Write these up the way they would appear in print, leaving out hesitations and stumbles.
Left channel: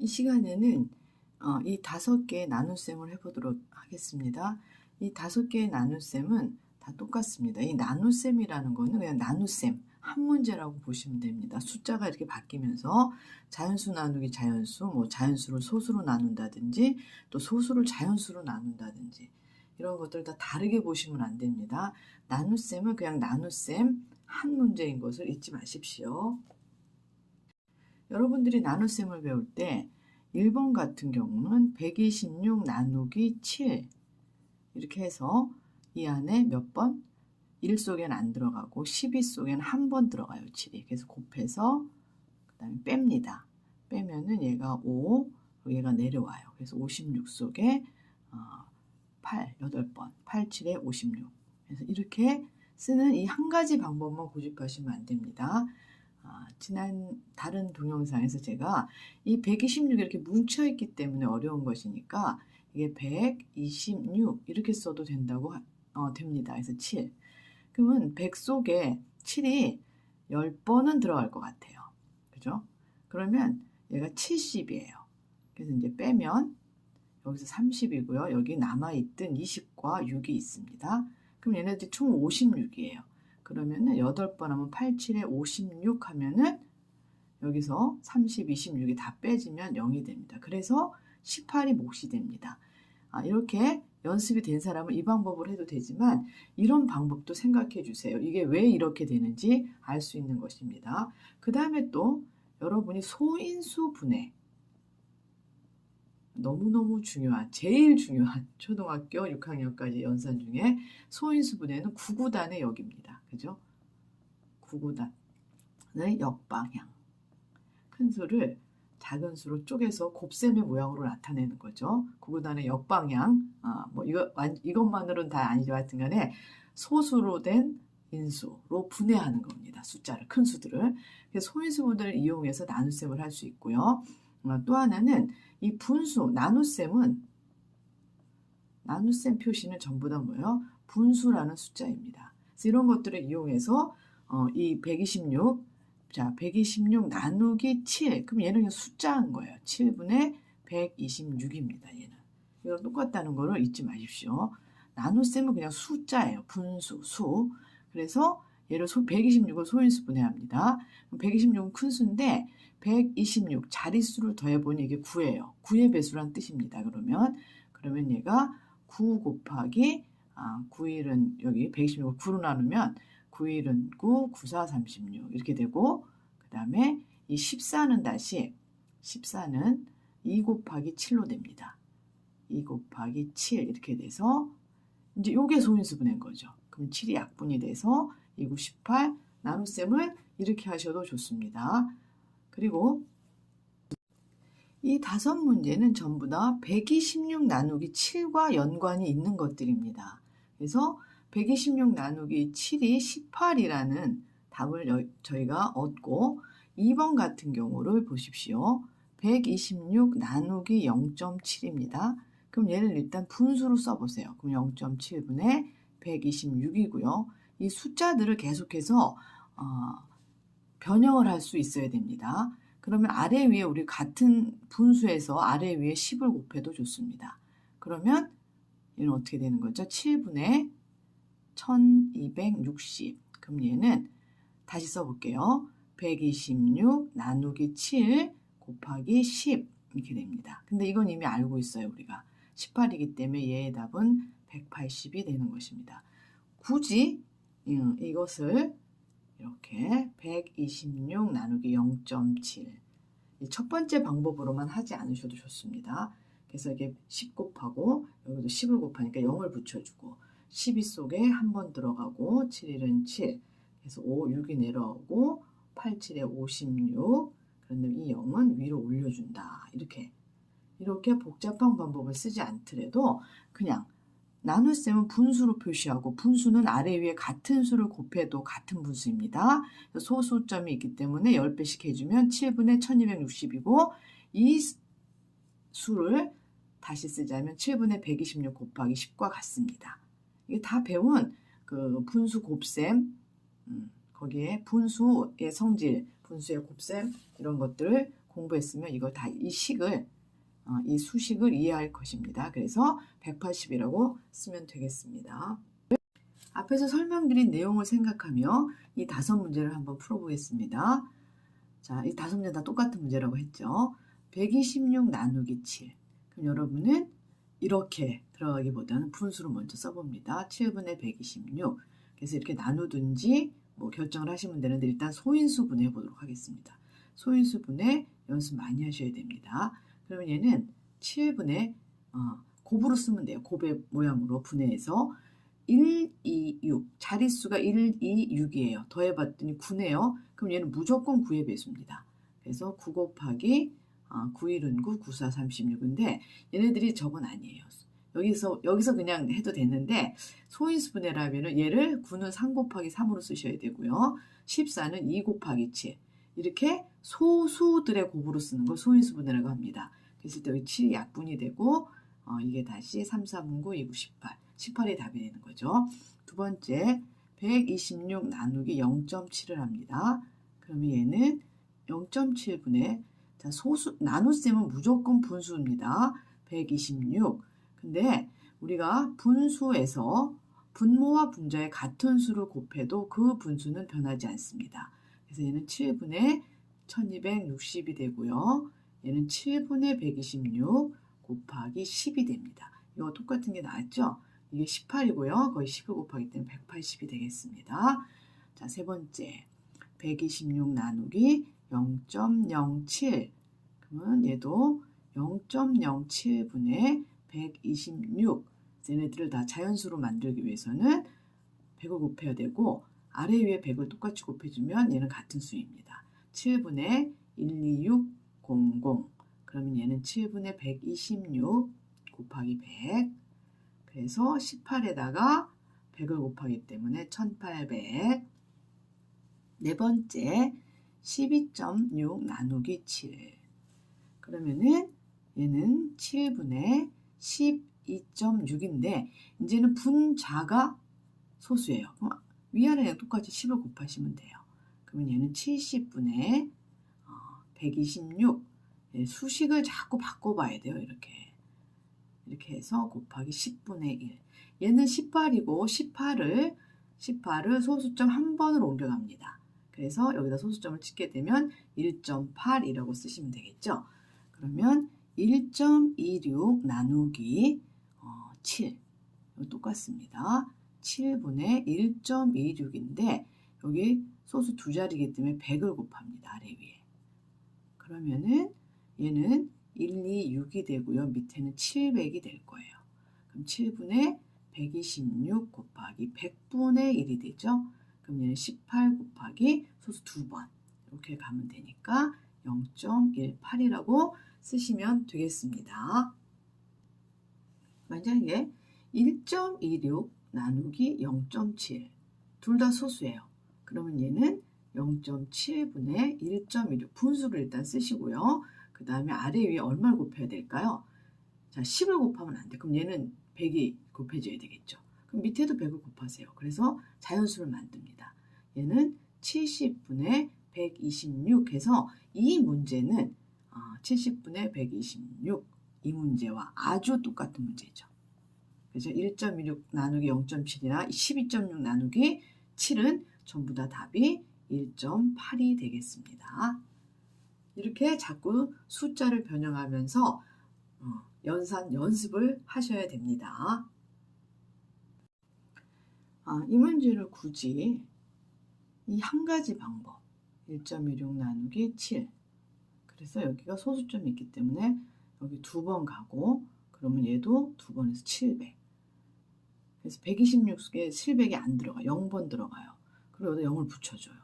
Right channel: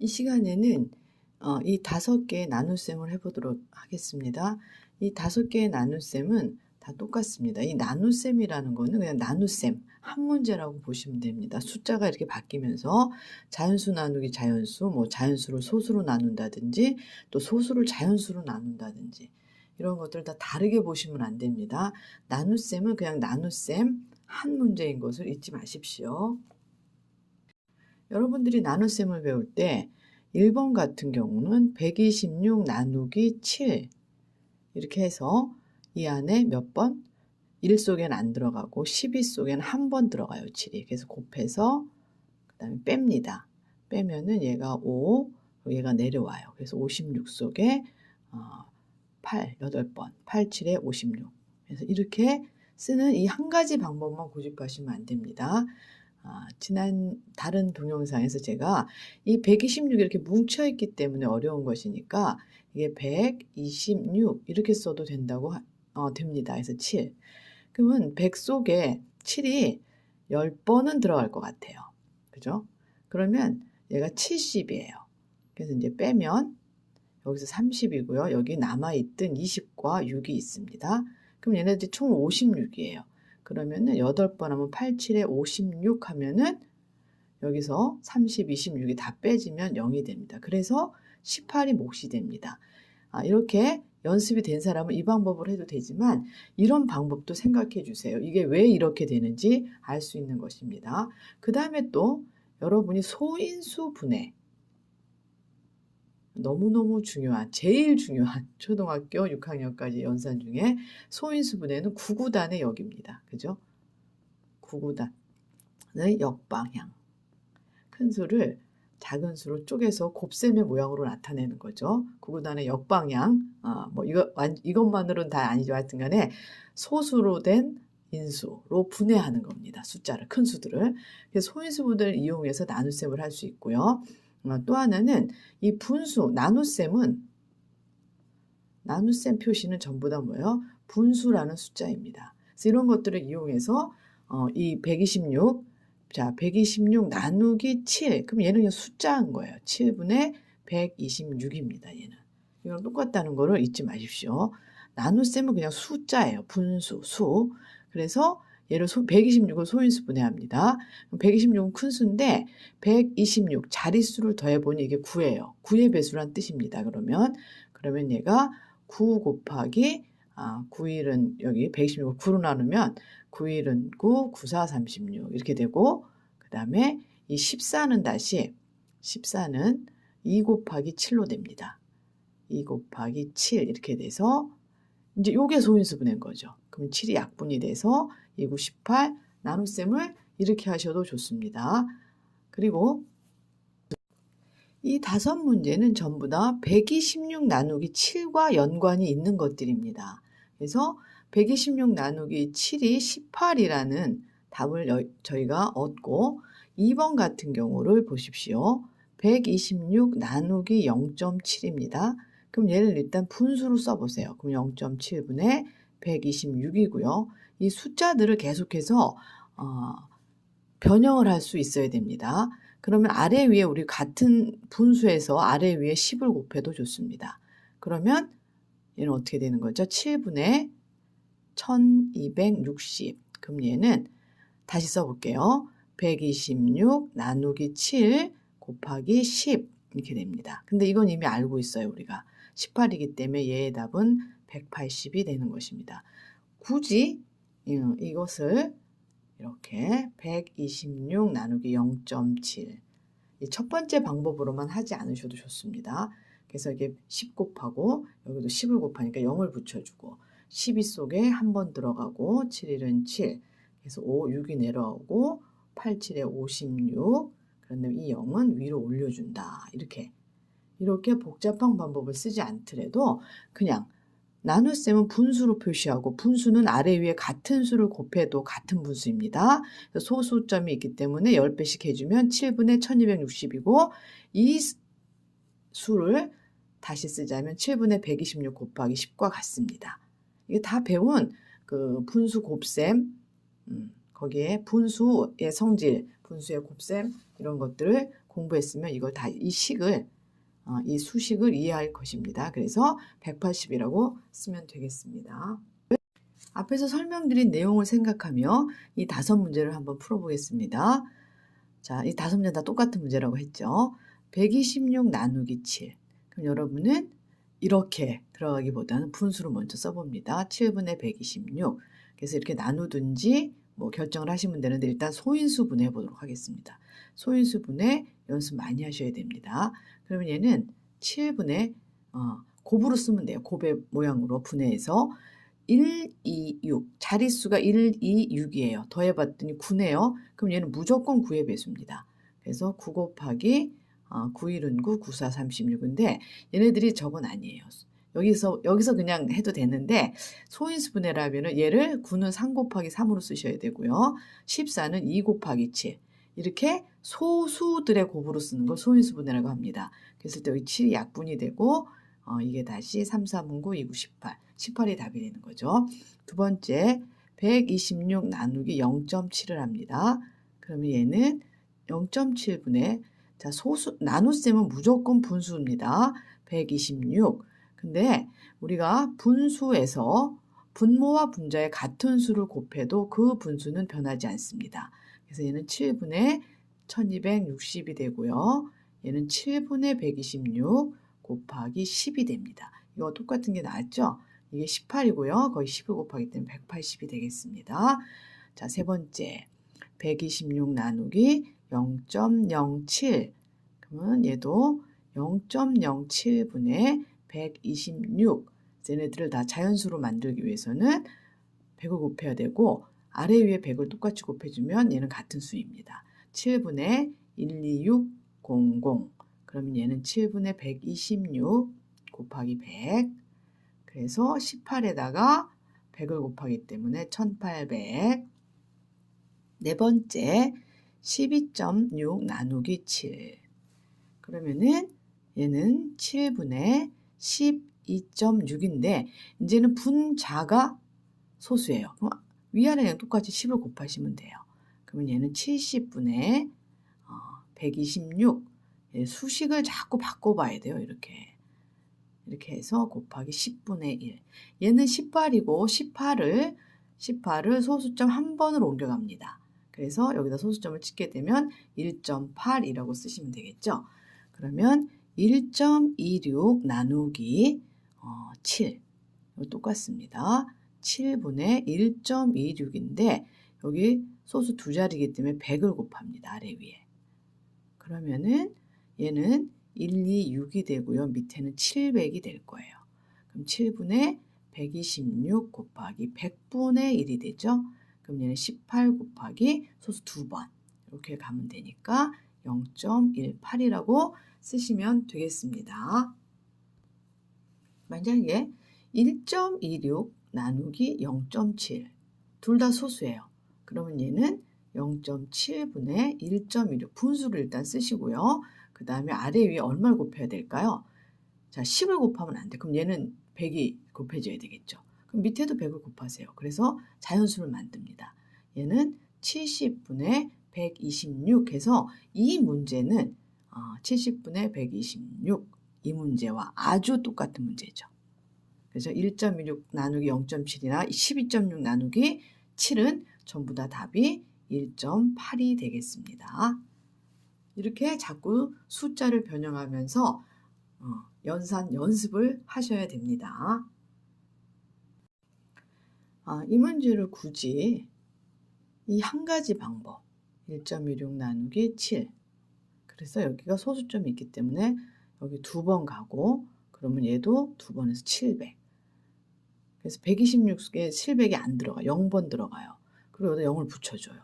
이 시간에는 이 5개의 나눗셈을 해보도록 하겠습니다. 이 5개의 나눗셈은 다 똑같습니다. 이 나눗셈이라는 거는 그냥 나눗셈, 한 문제라고 보시면 됩니다. 숫자가 이렇게 바뀌면서 자연수 나누기 자연수, 뭐 자연수를 소수로 나눈다든지 또 소수를 자연수로 나눈다든지 이런 것들 다 다르게 보시면 안 됩니다. 나눗셈은 그냥 나눗셈 한 문제인 것을 잊지 마십시오. 여러분들이 나눗셈을 배울 때 1번 같은 경우는 126 나누기 7 이렇게 해서 이 안에 몇 번? 1 속에는 안 들어가고 12 속에는 한 번 들어가요. 7이. 그래서 곱해서 그 다음에 뺍니다. 빼면은 얘가 5, 얘가 내려와요. 그래서 56 속에 8, 8번, 8, 7에 56. 그래서 이렇게 쓰는 이 한 가지 방법만 고집하시면 안 됩니다. 지난 다른 동영상에서 제가 이 126 이렇게 뭉쳐있기 때문에 어려운 것이니까 이게 126 이렇게 써도 된다고 됩니다. 그래서 7. 그러면 100 속에 7이 10번은 들어갈 것 같아요. 그죠? 그러면 얘가 70이에요. 그래서 이제 빼면 여기서 30이고요. 여기 남아있던 20과 6이 있습니다. 그럼 얘네들이 총 56이에요. 그러면은 8번 하면 8, 7에 56 하면은 여기서 30, 26이 다 빼지면 0이 됩니다. 그래서 18이 몫이 됩니다. 이렇게 연습이 된 사람은 이 방법을 해도 되지만 이런 방법도 생각해 주세요. 이게 왜 이렇게 되는지 알 수 있는 것입니다. 그 다음에 또 여러분이 소인수 분해 너무너무 중요한, 제일 중요한 초등학교 6학년까지 연산 중에 소인수 분해는 9구단의 역입니다. 그죠? 9구단의 역방향. 큰 수를 작은 수로 쪼개서 곱셈의 모양으로 나타내는 거죠. 9구단의 역방향. 뭐 이것만으로는 다 아니죠. 하여튼 간에 소수로 된 인수로 분해하는 겁니다. 숫자를, 큰 수들을. 그래서 소인수 분해를 이용해서 나눗셈을 할 수 있고요. 또 하나는 이 분수, 나눗셈은 나눗셈 표시는 전부 다 뭐예요? 분수라는 숫자입니다. 그래서 이런 것들을 이용해서 이 126, 자 126 나누기 7, 그럼 얘는 그냥 숫자인 거예요. 7분의 126입니다. 얘는. 이건 똑같다는 거를 잊지 마십시오. 나눗셈은 그냥 숫자예요. 분수, 수. 그래서 얘를 126을 소인수 분해합니다. 126은 큰 수인데 126 자릿수를 더해보니 이게 9예요. 9의 배수란 뜻입니다. 그러면 얘가 9 곱하기 9일은 여기 126을 9로 나누면 9일은 9, 9, 4, 36 이렇게 되고 그 다음에 이 14는 다시 14는 2 곱하기 7로 됩니다. 2 곱하기 7 이렇게 돼서 이제 요게 소인수 분해인 거죠. 그럼 7이 약분이 돼서 2, 9, 18 나눗셈을 이렇게 하셔도 좋습니다. 그리고 이 5문제는 전부 다 126 나누기 7과 연관이 있는 것들입니다. 그래서 126 나누기 7이 18이라는 답을 저희가 얻고 2번 같은 경우를 보십시오. 126 나누기 0.7입니다. 그럼 얘를 일단 분수로 써보세요. 그럼 0.7분의 126이고요. 이 숫자들을 계속해서 변형을 할 수 있어야 됩니다. 그러면 아래 위에 우리 같은 분수에서 아래 위에 10을 곱해도 좋습니다. 그러면 얘는 어떻게 되는 거죠? 7분의 1260. 그럼 얘는 다시 써볼게요. 126 나누기 7 곱하기 10 이렇게 됩니다. 근데 이건 이미 알고 있어요. 우리가 18이기 때문에 얘의 답은 180이 되는 것입니다. 굳이 이것을 이렇게 126 나누기 0.7 첫 번째 방법으로만 하지 않으셔도 좋습니다. 그래서 이게 10 곱하고 여기도 10을 곱하니까 0을 붙여주고 12 속에 한 번 들어가고 7일은 7 그래서 5, 6이 내려오고 8, 7에 56 그런 다음에 이 0은 위로 올려준다. 이렇게 복잡한 방법을 쓰지 않더라도 그냥 나눗셈은 분수로 표시하고 분수는 아래 위에 같은 수를 곱해도 같은 분수입니다. 소수점이 있기 때문에 10배씩 해주면 7분의 1260이고 이 수를 다시 쓰자면 7분의 126 곱하기 10과 같습니다. 이게 다 배운 그 분수 곱셈 거기에 분수의 성질, 분수의 곱셈 이런 것들을 공부했으면 이걸 다 이 식을 이 수식을 이해할 것입니다. 그래서 180이라고 쓰면 되겠습니다. 앞에서 설명드린 내용을 생각하며 이 5문제를 한번 풀어보겠습니다. 자, 이 5문제 다 똑같은 문제라고 했죠. 126 나누기 7. 그럼 여러분은 이렇게 들어가기보다는 분수로 먼저 써봅니다. 7분의 126. 그래서 이렇게 나누든지 뭐 결정을 하시면 되는데 일단 소인수 분해 보도록 하겠습니다. 소인수 분해 연습 많이 하셔야 됩니다. 그러면 얘는 7분의 곱으로 쓰면 돼요. 곱의 모양으로 분해해서 1, 2, 6. 자릿수가 1, 2, 6이에요. 더해봤더니 9네요. 그럼 얘는 무조건 9의 배수입니다. 그래서 9 곱하기 9일은 9, 9, 4, 36인데 얘네들이 저건 아니에요. 여기서 그냥 해도 되는데 소인수 분해라면 얘를 9는 3 곱하기 3으로 쓰셔야 되고요. 14는 2 곱하기 7. 이렇게 소수들의 곱으로 쓰는 걸 소인수 분해라고 합니다. 그랬을 때 여기 7이 약분이 되고 이게 다시 3, 3, 9, 2, 9, 18. 18이 답이 되는 거죠. 두 번째 126 나누기 0.7을 합니다. 그러면 얘는 0.7분의 자 소수 나눗셈은 무조건 분수입니다. 126. 근데 우리가 분수에서 분모와 분자의 같은 수를 곱해도 그 분수는 변하지 않습니다. 그래서 얘는 7분의 1260이 되고요. 얘는 7분의 126 곱하기 10이 됩니다. 이거 똑같은 게 나왔죠? 이게 18이고요. 거의 10을 곱하기 때문에 180이 되겠습니다. 자, 세 번째 126 나누기 0.07. 그러면 얘도 0.07분의 126. 얘네들을 다 자연수로 만들기 위해서는 100을 곱해야 되고 아래 위에 100을 똑같이 곱해주면 얘는 같은 수입니다. 7분의 12600. 그러면 얘는 7분의 126 곱하기 100. 그래서 18에다가 100을 곱하기 때문에 1800. 네 번째 12.6 나누기 7. 그러면은 얘는 7분의 12.6인데 이제는 분자가 소수예요. 그럼 위아래랑 똑같이 10을 곱하시면 돼요. 그러면 얘는 70분의 126. 수식을 자꾸 바꿔봐야 돼요. 이렇게 해서 곱하기 10분의 1. 얘는 18이고 18을 소수점 한 번으로 옮겨갑니다. 그래서 여기다 소수점을 찍게 되면 1.8이라고 쓰시면 되겠죠. 그러면 1.26 나누기 7. 똑같습니다. 7분의 1.26인데 여기 소수 두 자리이기 때문에 100을 곱합니다. 아래 위에. 그러면은 얘는 126이 되고요. 밑에는 700이 될 거예요. 그럼 7분의 126 곱하기 100분의 1이 되죠. 그럼 얘는 18 곱하기 소수 2번 이렇게 가면 되니까 0.18이라고 쓰시면 되겠습니다. 만약에 1.26 나누기 0.7 둘 다 소수예요. 그러면 얘는 0.7분의 1.16 분수를 일단 쓰시고요. 그 다음에 아래 위에 얼마를 곱해야 될까요? 자, 10을 곱하면 안 돼. 그럼 얘는 100이 곱해져야 되겠죠. 그럼 밑에도 100을 곱하세요. 그래서 자연수를 만듭니다. 얘는 70분의 126 해서 이 문제는 70분의 126 이 문제와 아주 똑같은 문제죠. 그래서 1.16 나누기 0.7이나 12.6 나누기 7은 전부 다 답이 1.8이 되겠습니다. 이렇게 자꾸 숫자를 변형하면서 연습을 하셔야 됩니다. 이 문제를 굳이 이 한 가지 방법 1.16 나누기 7 그래서 여기가 소수점이 있기 때문에 여기 2번 가고 그러면 얘도 2번에서 700 그래서 126에 700이 안 들어가 0번 들어가요. 그리고 여기다 0을 붙여줘요.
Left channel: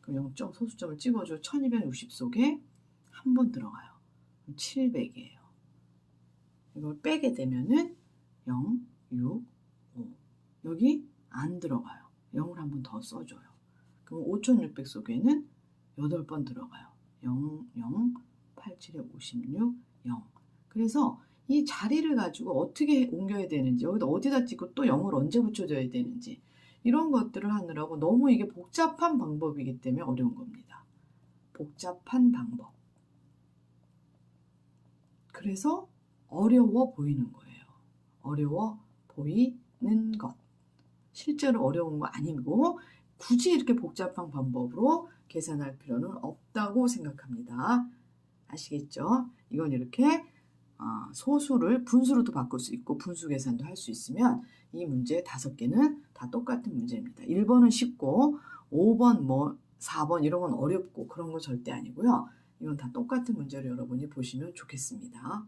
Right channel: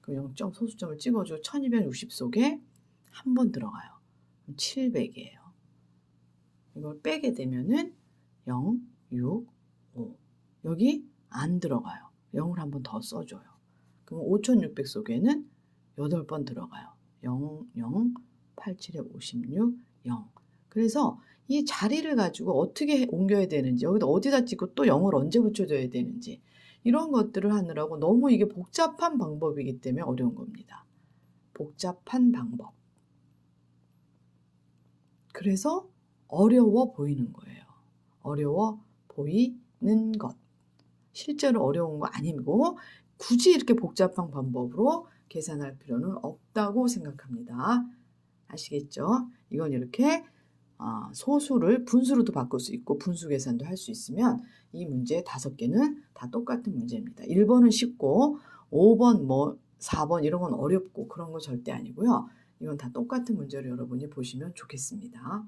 그럼 0점 소수점을 찍어줘 1260 속에 한 번 들어가요. 700이에요. 이걸 빼게 되면은 0, 6, 5 여기 안 들어가요. 0을 한 번 더 써줘요. 그럼 5600 속에는 8번 들어가요. 0, 0, 87에 56, 0 그래서 이 자리를 가지고 어떻게 옮겨야 되는지 여기다 어디다 찍고 또 0을 언제 붙여줘야 되는지 이런 것들을 하느라고 너무 이게 복잡한 방법이기 때문에 어려운 겁니다. 복잡한 방법. 그래서 어려워 보이는 거예요. 어려워 보이는 것. 실제로 어려운 거 아니고 굳이 이렇게 복잡한 방법으로 계산할 필요는 없다고 생각합니다. 아시겠죠? 이건 이렇게 소수를 분수로도 바꿀 수 있고 분수 계산도 할 수 있으면 이 문제 5개는 다 똑같은 문제입니다. 1번은 쉽고 5번 4번 이런 건 어렵고 그런 거 절대 아니고요. 이건 다 똑같은 문제로 여러분이 보시면 좋겠습니다.